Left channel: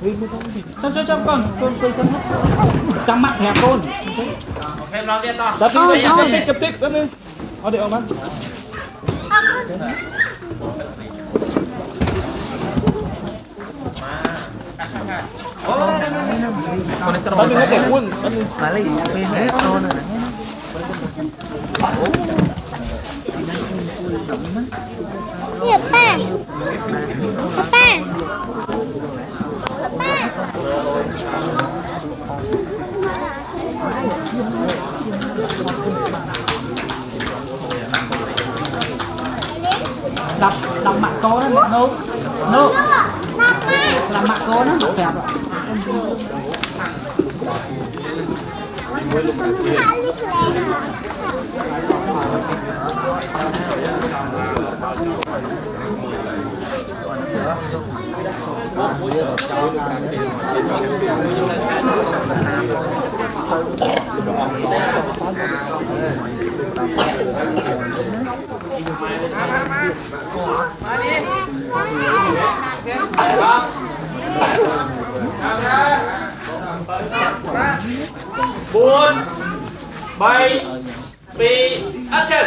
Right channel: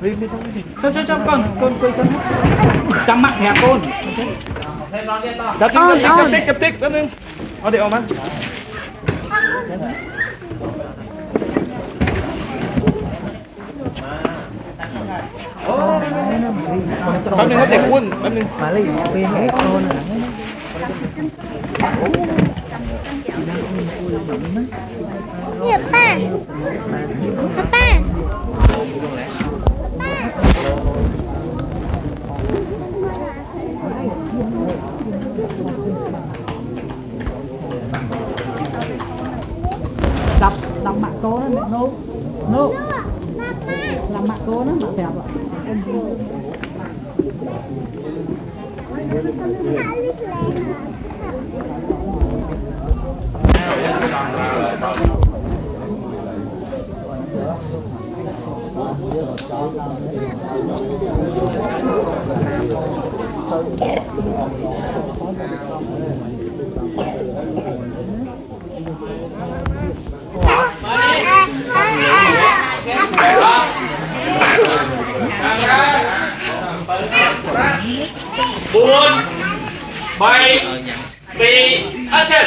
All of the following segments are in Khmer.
Vì mới thôi thì cho con chăm mặt hẹp con chập tích cáiนึงเอาเดี๋ยวมาแป๊บนึงเขาเด็กอ้วนแป๊บนึงอะไรอย่างเงี้ยเป็นแล้วเอาหน่อยIya, Pak. Apa? Đập mặt cô đó, nô làm mặt cô nó được kẹp buồn bay bị action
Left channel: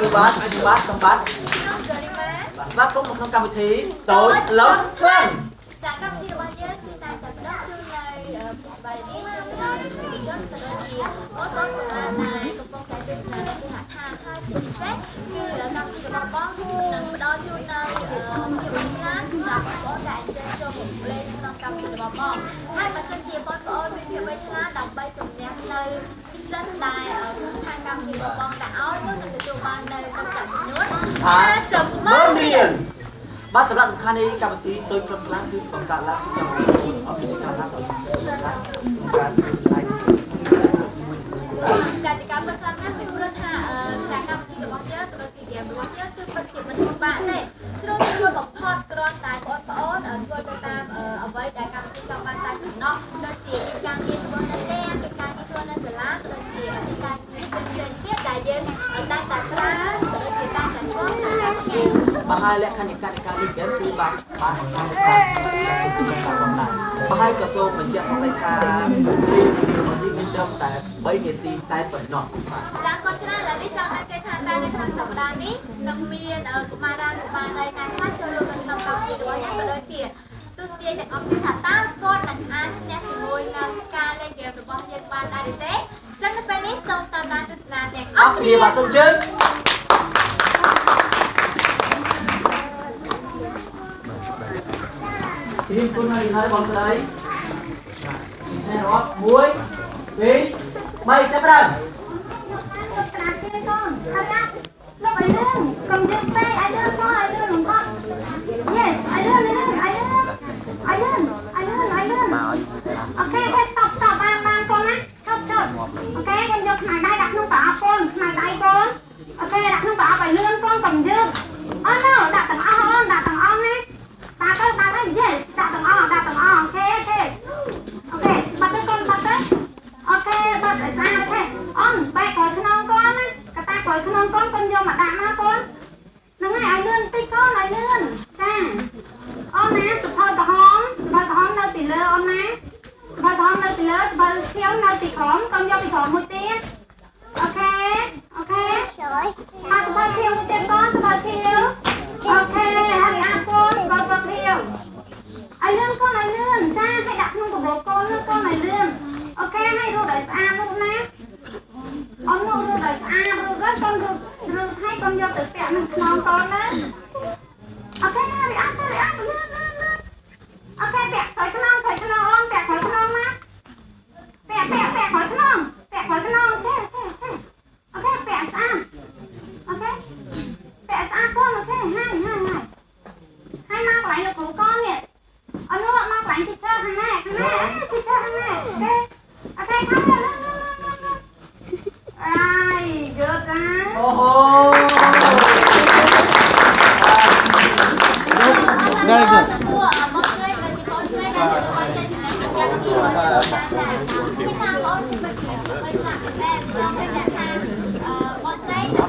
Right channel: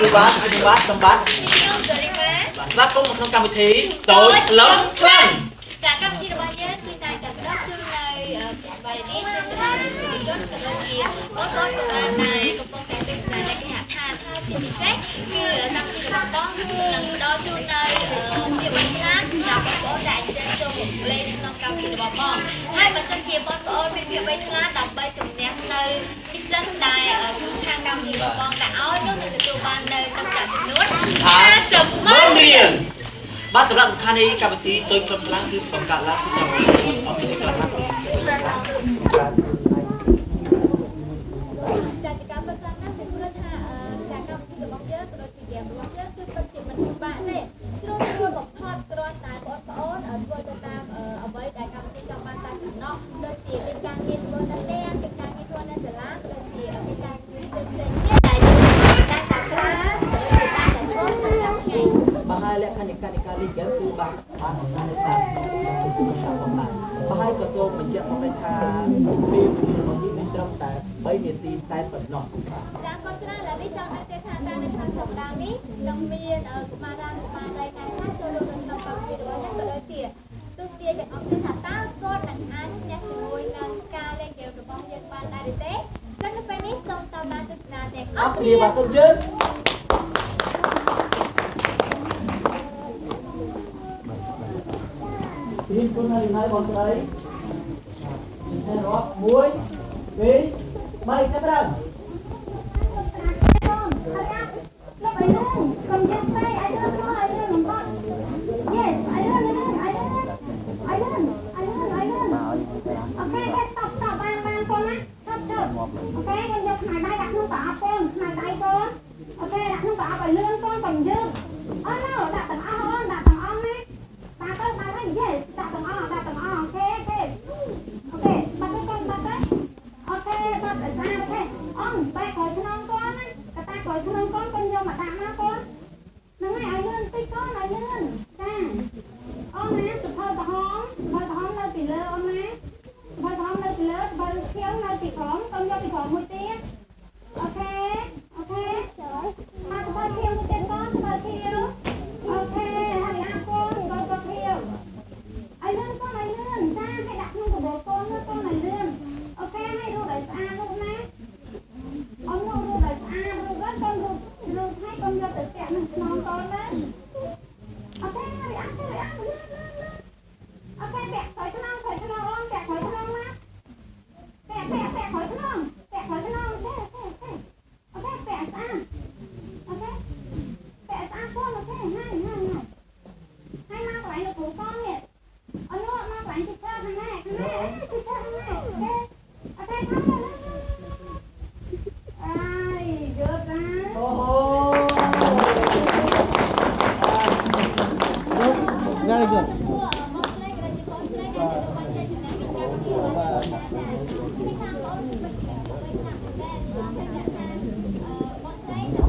sư bát xong bát bát có một trongកម្មវិធីតូចលំខ្លាំងចាកម្មវិធីរបស់យើងគឺតែតែផ្ដល់ជូននៅពីស្បៃនេះជូនទៅដល់និស្សិតជនក៏ដូចជាបងប្អូនក៏បានដែរកំពុងតែទស្សនានៅគេហដ្ឋានហើយជាពិសេសគឺកម្មវិធីរបស់បងនឹងផ្ដល់ជូននៅភាពបាញ់ច្រានសម្រាប់បងប្អូនដែលចេះចូលមកលេងក្នុងកម្មវិធីរបស់បងហើយបើសិនជាបងប្អូនមានភាពបាញ់ច្រានដើម្បីជំនះនៅពិសេសដែលខាងកម្មវិធីរបស់បងដាក់ឲ្យនោះនឹងទទួលបាននៅទឹកប្រាក់ចំនួន50,000 រៀលបាទសម្រាប់សំខាន់នៃកម្មវិធីតូចខ្លឹមខ្លាំងគឺបង្កើតឡើងក្នុងអភិបាលកិច្ចខ្លះចាតិកម្មខ្លាំងណាស់ពីព្រោះថាចាកម្មវិធីរបស់យើងក៏ដូចជាហ្គេមរបស់យើងគឺពិតជាមិនពិបាកទេស្រួលបំផុតគ្រាន់តែបងប្អូនធ្វើទៅតាមអ្វីដែលកម្មវិធីចង់បានតែប៉ុណ្ណោះដូចជាការងារធ្វើនៅផ្ទះការងារធ្វើនៅសាលាក៏ដូចជាការងារផ្សេងៗទៀតដែលយើងតែប្រើក៏ដូចជាតែធ្វើក្នុងកម្មវិធីបាទហើយលក្ខខណ្ឌនៃការលេងហ្គេមគឺបាទបង្ហាញថាបាទហើយក៏សូមបញ្ជាក់មកថារបស់នេះមានត្រឹមតែ3នាទីតែប៉ុណ្ណោះបាទចាកូនច្រើនឥឡូវនេះចង់ឲ្យគេថាតែនៅក្នុងសប្តាហ៍នេះនឹងមានកុមារានុបាលនៃការខ្លះចូលរួមក្នុងកម្មវិធីរបស់យើងក៏ដូចជាទស្សនិកទាំងអស់គ្នាថាតើគាត់នឹងអាចឈ្នះជាមួយនឹងការលេងហ្គេមរបស់យើងបានដែរទេចឹងនៅពេលនេះសូមតាមដានទស្សនាទាំងអស់គ្នាបាទសូមជើងทีมคุณហើយបងស្រីនេះរាប់1 2 3ចាប់ដើម